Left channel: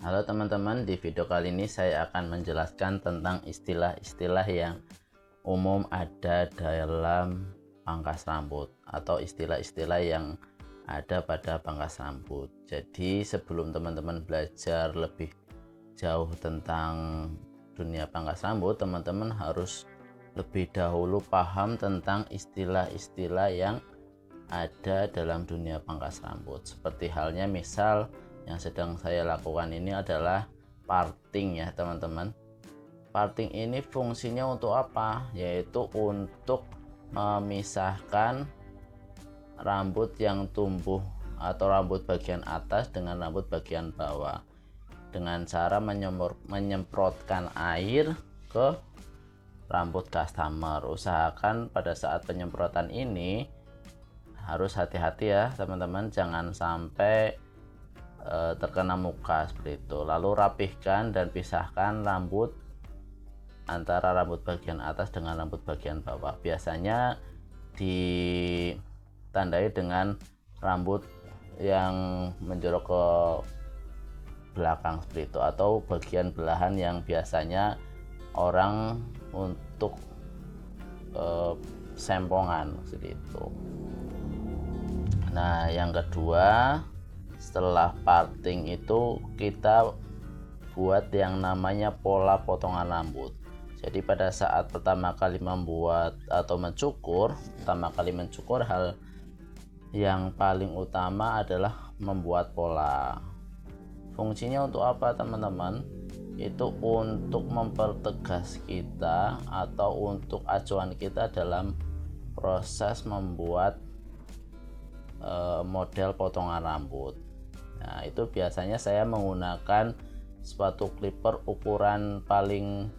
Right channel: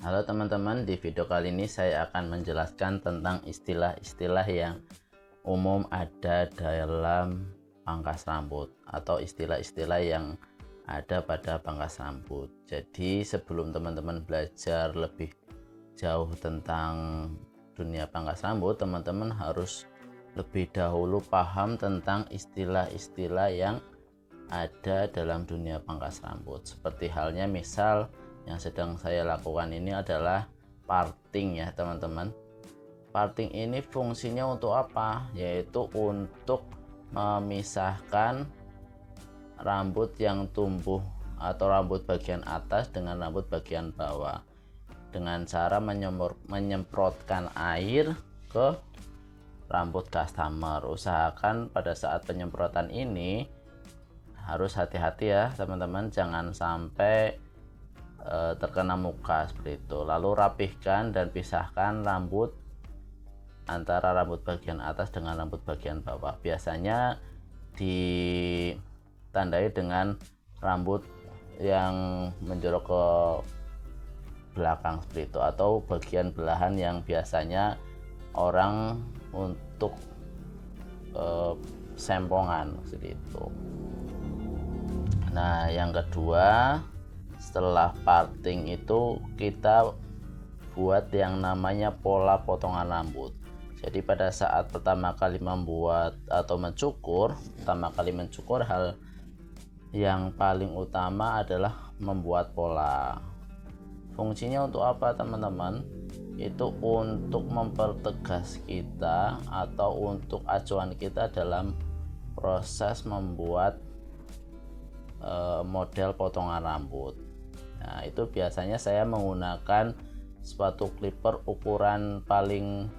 Halo teman-teman, di video kali ini saya akan menjelaskan tentang istilah-istilah yang umum ada dalam pangkas rambut atau istilah-istilah yang ada pada pangkas rambut. Jadi sebelum teman-teman belajar lebih jauh tentang dunia pangkas rambut, teman-teman harus lebih dahulu paham tentang istilah-istilah yang ada dalam dunia pangkas rambut. Seperti halnya misal yang sedang saya lakukan ini adalah parting ya teman-teman. Parting ini fungsinya untuk apa? Yaitu untuk memisahkan rambut yang tumbuh atau rambut bagian atas dengan rambut bagian bawah dengan cara menyemprotkan air ke rambut customer. Usahakan pada saat penyemprotan ini harus hati-hati ya teman-teman, jangan sampai terkena muka seperti itu. Lalu rapihkan dan pisahkan rambut antara rambut bagian atas dengan rambut bagian bawah. Biasanya ditandai dengan rambut yang menjorok ke belakang seperti itu, atau bagian belahan yang biasanya orang untuk sempongan seperti itu. Nah, yang kedua, setelah parting itu kita buat yang namanya pola potongan rambut. Jadi pada saat pertama kali membuat atau mencukur, hal yang paling utama adalah membuat pola. Fungsinya untuk apa teman-teman? Itu untuk mempertegas kita atau untuk acuan kita dalam proses membuat model potongan rambut. Nah, itu biasanya saya menggunakan sepatu clipper ukuran paling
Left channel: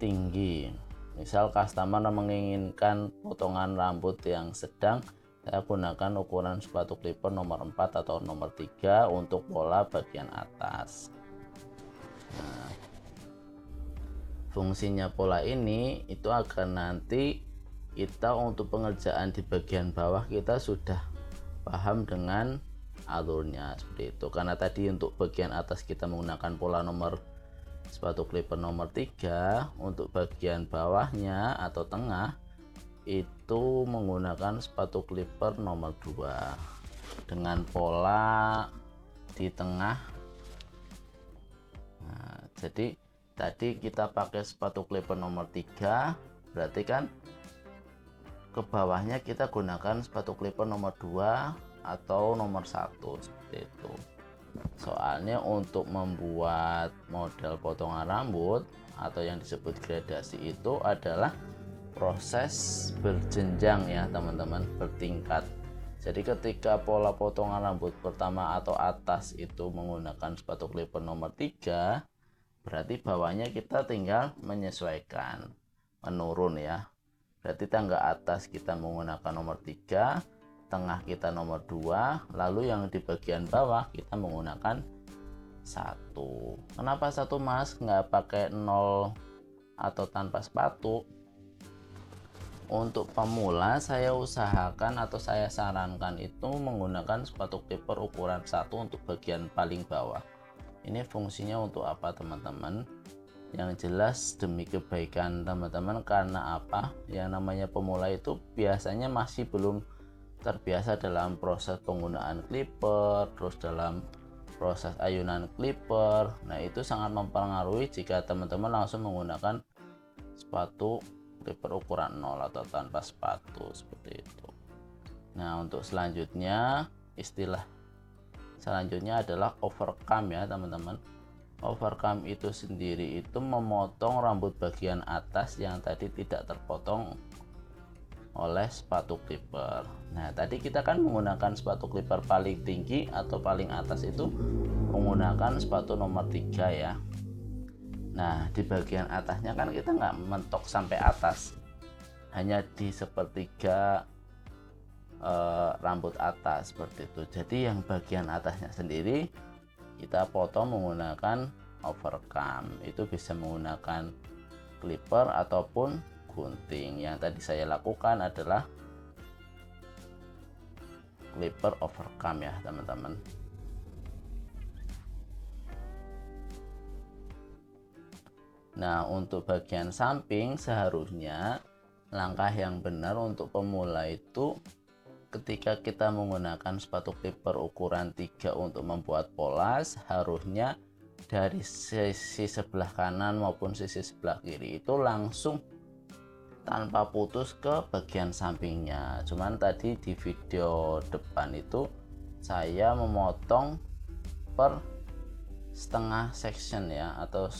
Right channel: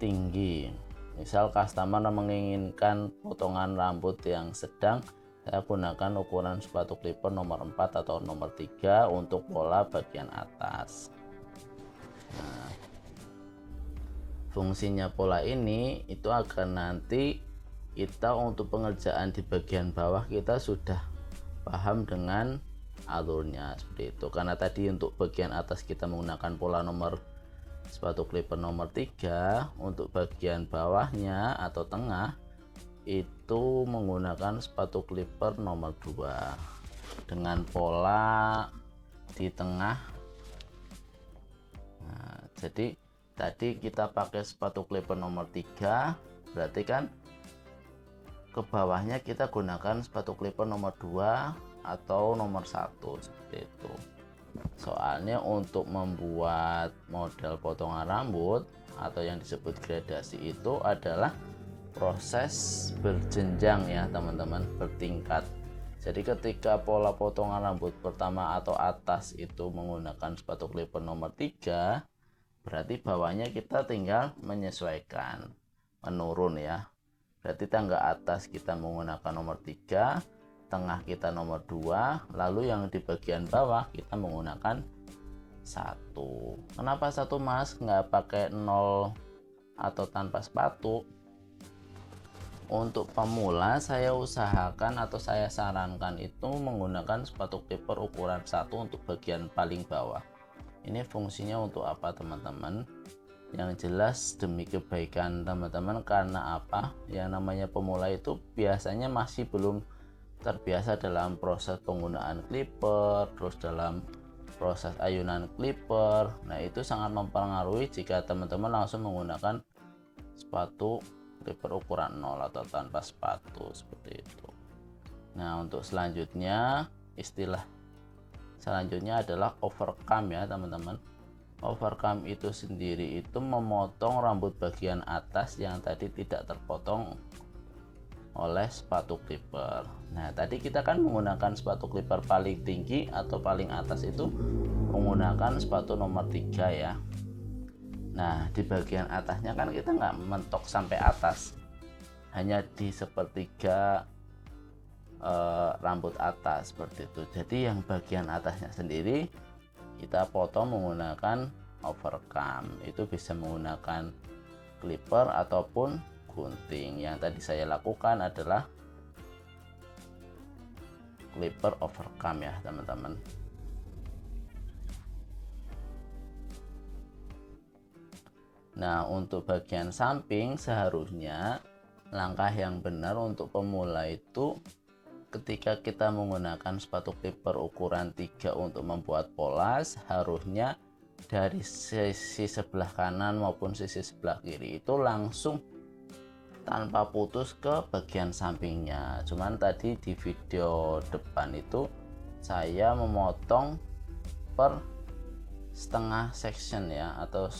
tinggi. Misal customer menginginkan potongan rambut yang sedang, saya gunakan ukuran sepatu clipper nomor 4 atau nomor 3 untuk pola bagian atas. Nah, fungsinya pola ini itu agar nanti kita untuk pengerjaan di bagian bawah kita sudah paham dengan alurnya seperti itu. Karena tadi untuk bagian atas kita menggunakan pola nomor sepatu clipper nomor 3, untuk bagian bawahnya atau tengah itu menggunakan sepatu clipper nomor 2 dengan pola di tengah. Nah, jadi tadi kita pakai sepatu clipper nomor 3, berarti kan ke bawahnya kita gunakan sepatu clipper nomor 2 atau nomor 1 seperti itu. Soalnya untuk membuat model potongan rambut atau yang disebut gradasi itu adalah proses berjenjang ya teman-teman, bertingkat. Jadi ketika pola potongan rambut pertama atau atas itu menggunakan sepatu clipper nomor 3, berarti bawahnya kita tinggal menyesuaikan, menurun ya. Berarti tangga atas kita menggunakan nomor 3, tengah kita nomor 2, lalu yang di bagian bawah kita menggunakan 1. Kenapa 1 mas, nggak pakai 0 atau tanpa sepatu? Untuk pemula saya usahakan atau saya sarankan itu menggunakan sepatu clipper ukuran 1 untuk bagian paling bawah. Ini fungsinya untuk apa teman-teman? Yang jelas demi kebaikan teman-teman. Karena apa? Yang namanya pemula itu biasanya masih belum terbiasa dalam proses penggunaan clipper, terus dalam proses ayunan clipper. Nah, itu sangat mempengaruhi jika teman-teman langsung menggunakan sepatu clipper ukuran 0 atau tanpa sepatu seperti itu. Nah, untuk selanjutnya, istilah selanjutnya adalah overcome ya teman-teman. Overcome itu sendiri itu memotong rambut bagian atas yang tadi tidak terpotong oleh sepatu clipper. Nah, tadi kita kan menggunakan sepatu clipper paling tinggi atau paling atas itu menggunakan sepatu nomor 3 ya. Nah, di bagian atasnya kan kita nggak mentok sampai atas, hanya di sepertiga rambut atas seperti itu. Jadi yang bagian atasnya sendiri kita potong menggunakan overcome. Itu bisa menggunakan clipper ataupun gunting. Yang tadi saya lakukan adalah clipper overcome ya teman-teman. Nah, untuk bagian samping seharusnya langkah yang benar untuk pemula itu ketika kita menggunakan sepatu clipper ukuran 3 untuk membuat polas, harusnya dari sisi sebelah kanan maupun sisi sebelah kiri itu langsung tanpa putus ke bagian sampingnya. Cuman tadi di video depan itu saya memotong per setengah section ya, atau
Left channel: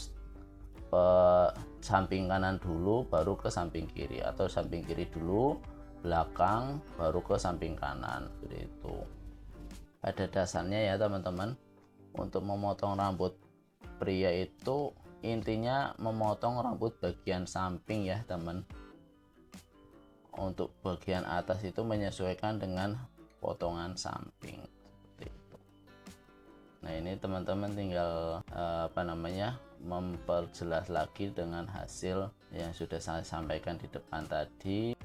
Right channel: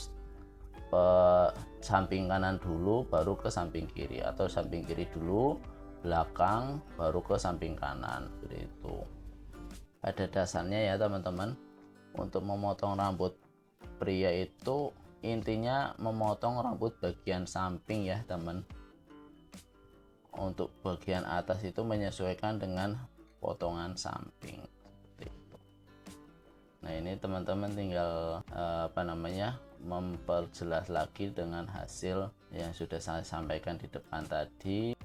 samping kanan dulu baru ke samping kiri, atau samping kiri dulu belakang baru ke samping kanan, seperti itu. Pada dasarnya ya teman-teman, untuk memotong rambut pria itu intinya memotong rambut bagian samping ya teman. Untuk bagian atas itu menyesuaikan dengan potongan samping, seperti itu. Nah, ini teman-teman tinggal memperjelas lagi dengan hasil yang sudah saya sampaikan di depan tadi.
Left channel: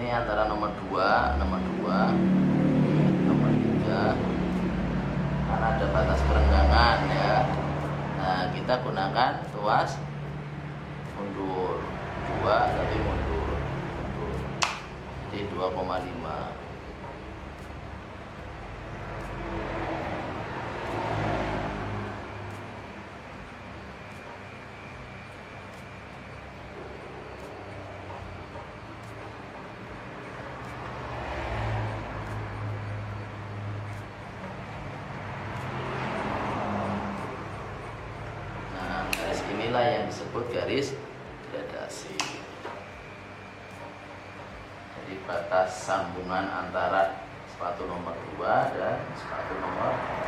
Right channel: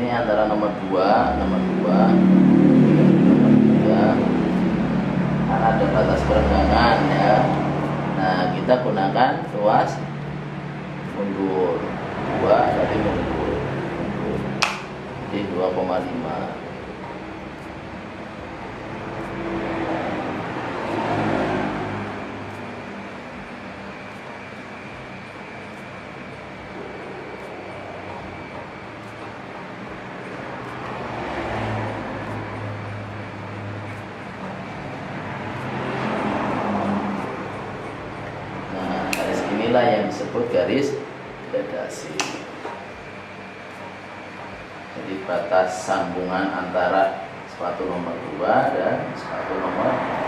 Ini antara nomor 2, nomor 3 karena ada batas perenggangan ya. Nah, kita gunakan tuas mundur 2, berarti mundur di 2,5. Inilah yang disebut garis gradasi. Jadi batas sambungan antara sepatu nomor 2 dan sepatu nomor 2.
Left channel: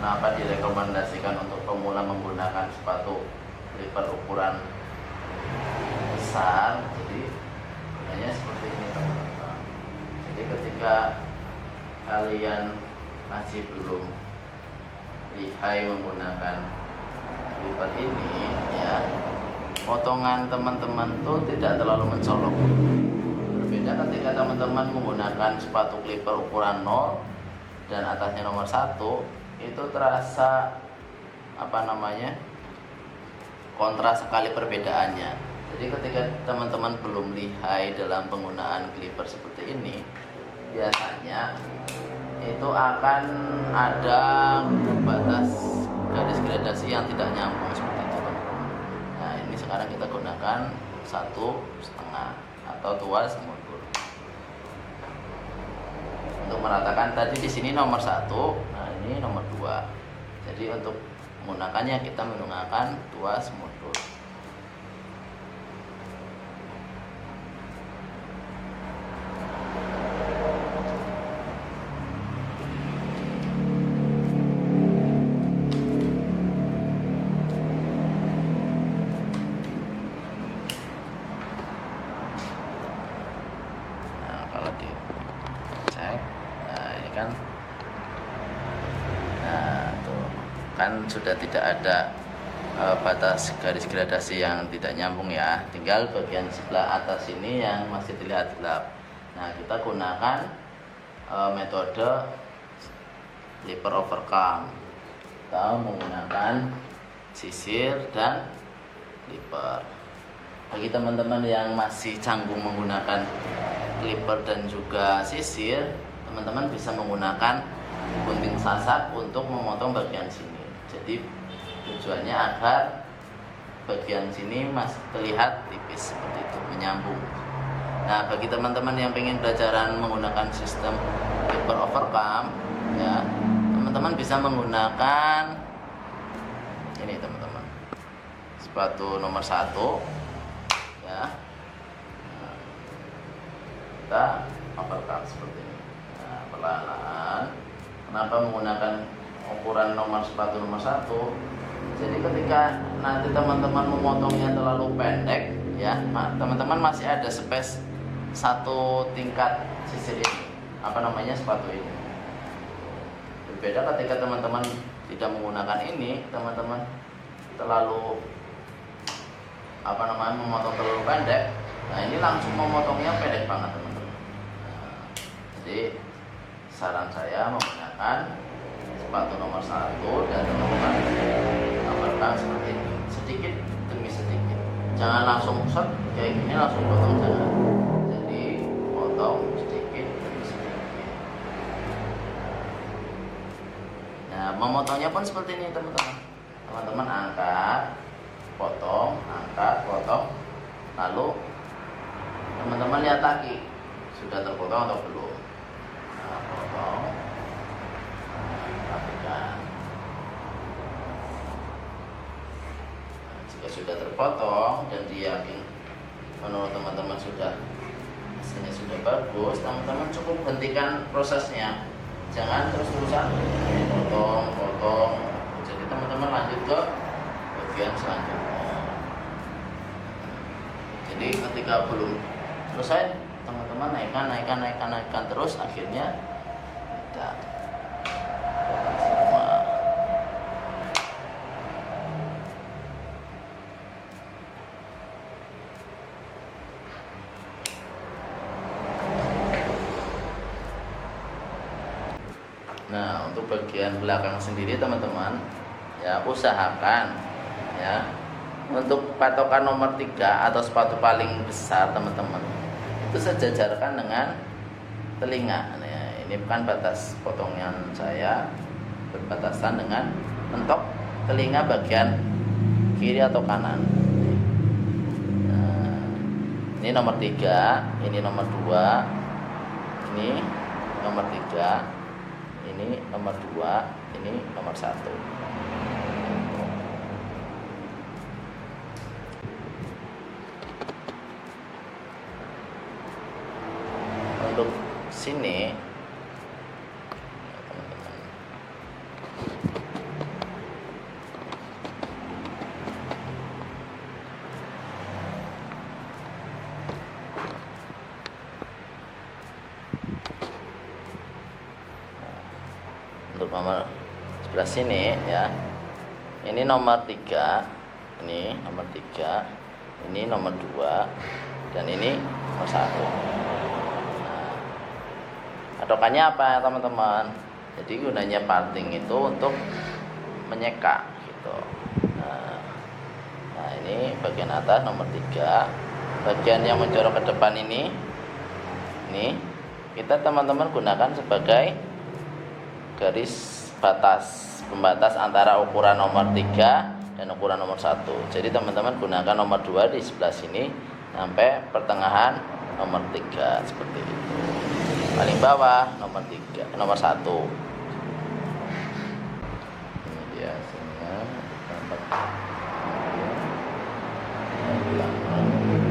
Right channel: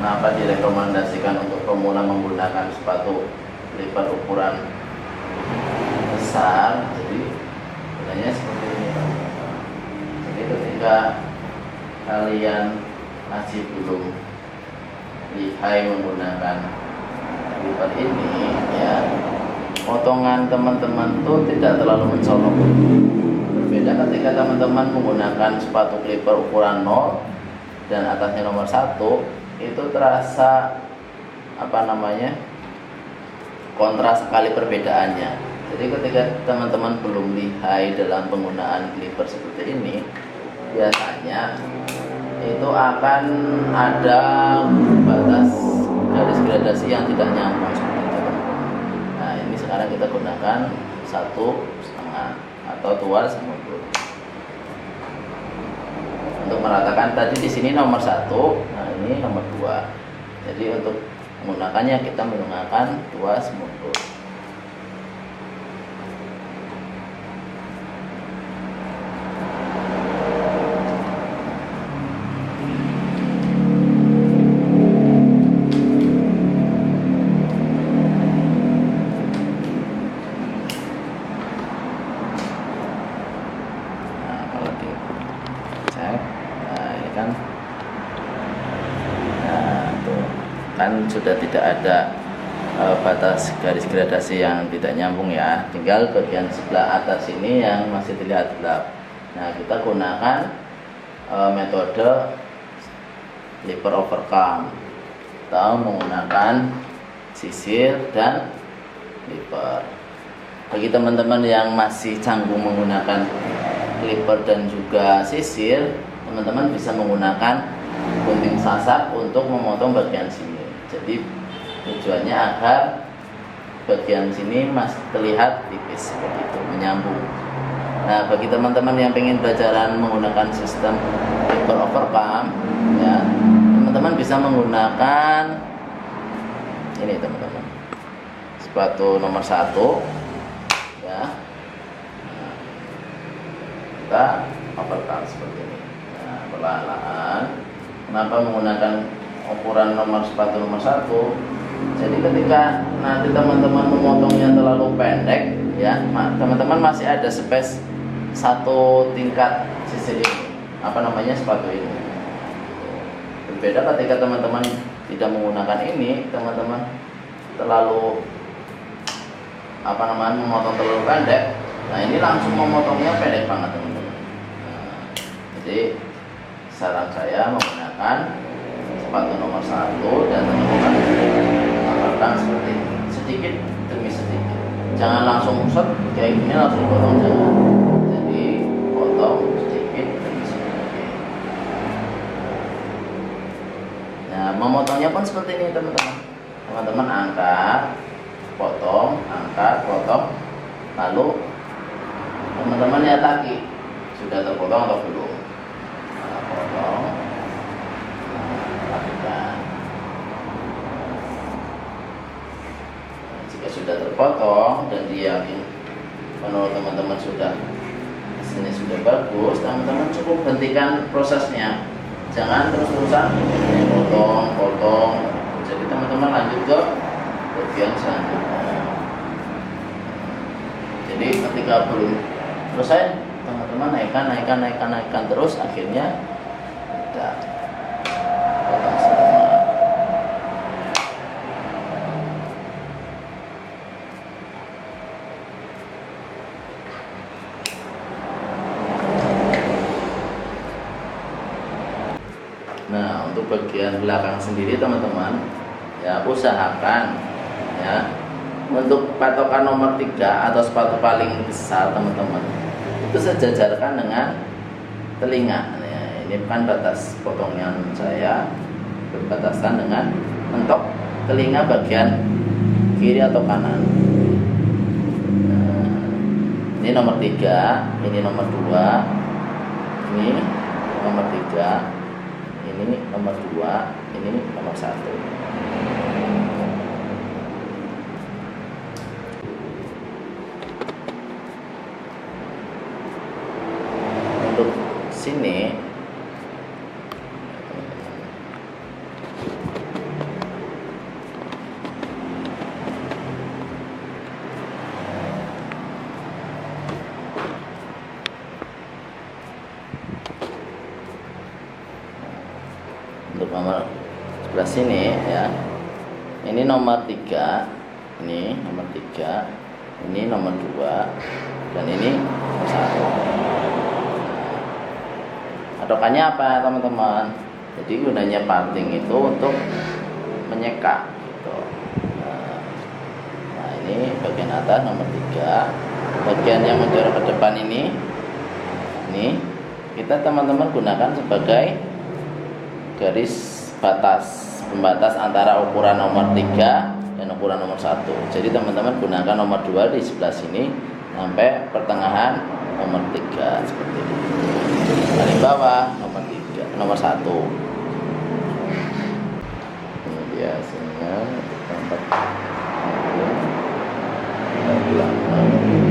Kenapa direkomendasikan untuk pemula menggunakan sepatu clipper ukuran besar? Jadi sebenarnya seperti ini teman-teman. Jadi ketika kalian masih belum lihai menggunakan clipper ini ya, potongan teman-teman tuh tidak terlalu mencolok. Berbeda ketika teman-teman menggunakan sepatu clipper ukuran 0 dan atasnya nomor 1, itu terasa kontras sekali perbedaannya. Jadi ketika teman-teman belum lihai dalam penggunaan clipper seperti ini, biasanya itu akan ada batas garis gradasi yang tidak nyambung seperti itu. Nah, ini sekarang kita gunakan 1,5 atau tuas mundur untuk meratakan. Tadi di sini nomor 1, nah ini nomor 2. Jadi untuk menggunakannya kita menggunakan tuas mundur. Nah, apalagi cek. Nah, ini kan kan sudah tidak ada batas garis gradasi yang tidak nyambung ya, tinggal bagian sebelah atas ini yang masih terlihat gelap. Nah, kita gunakan metode clipper overcome atau menggunakan sisir dan clipper. Bagi teman-teman yang masih canggung menggunakan clipper dan juga sisir, teman-teman bisa menggunakan gunting sasak untuk memotong bagian sini. Jadi tujuannya agar bagian sini masih terlihat tipis seperti itu, menyambung. Nah, bagi teman-teman yang ingin belajar menggunakan sistem paper overcome, ya, teman-teman bisa menggunakan ini teman-teman, sepatu nomor 1, ya. Nah, kita overcome seperti ini. Nah, perlahan-lahan. Kenapa menggunakan ukuran sepatu nomor 1? Jadi ketika nanti teman-teman memotongnya terlalu pendek, ya, teman-teman masih ada space 1 tingkat sisi ini, sepatu ini. Berbeda ketika teman-teman tidak menggunakan ini, teman-teman terlalu memotong terlalu pendek. Nah, ini langsung memotongnya pendek banget teman-teman. Nah, jadi saran saya menggunakan sepatu nomor 1 dan teman-teman tambahkan seperti ini, sedikit demi sedikit. Jangan langsung set kayak gini langsung potong, jangan. Jadi potong sedikit demi sedikit. Nah, memotongnya pun seperti ini teman-teman. Teman-teman angkat, potong, lalu teman-teman lihat lagi sudah terpotong atau belum. Nah, potong, lakukan. Nah, jika sudah terpotong dan diyakin menurut teman-teman sudah sini sudah bagus, teman-teman cukup hentikan prosesnya. Jangan terus-terusan potong. Jadi teman-teman lanjut ke bagian selanjutnya. Jadi ketika belum selesai, teman-teman naikkan terus, akhirnya udah potong semua. Nah, untuk bagian belakang sendiri teman-teman, ya usahakan ya untuk patokan nomor 3 atau sepatu paling besar teman-teman itu sejajarkan dengan telinga. Ya, ini kan batas potongan saya berbatasan dengan mentok telinga bagian kiri atau kanan. Nah, ini nomor 3, ini nomor 2, ini nomor 3, ini nomor 2, ini nomor 1. Untuk sini untuk nomor sebelah sini ya, ini nomor 3, ini nomor 3, ini nomor 2, dan ini nomor 1. Patokannya apa teman-teman? Jadi gunanya parting itu untuk menyeka gitu. Nah, ini bagian atas nomor 3, bagian yang menjorok ke depan ini kita teman-teman gunakan sebagai garis pembatas antara ukuran nomor 3 dan ukuran nomor 1. Jadi teman-teman gunakan nomor 2 di sebelah sini sampai pertengahan nomor 3 seperti ini. Paling bawah nomor 1. Ini dia hasilnya, tempat belakang.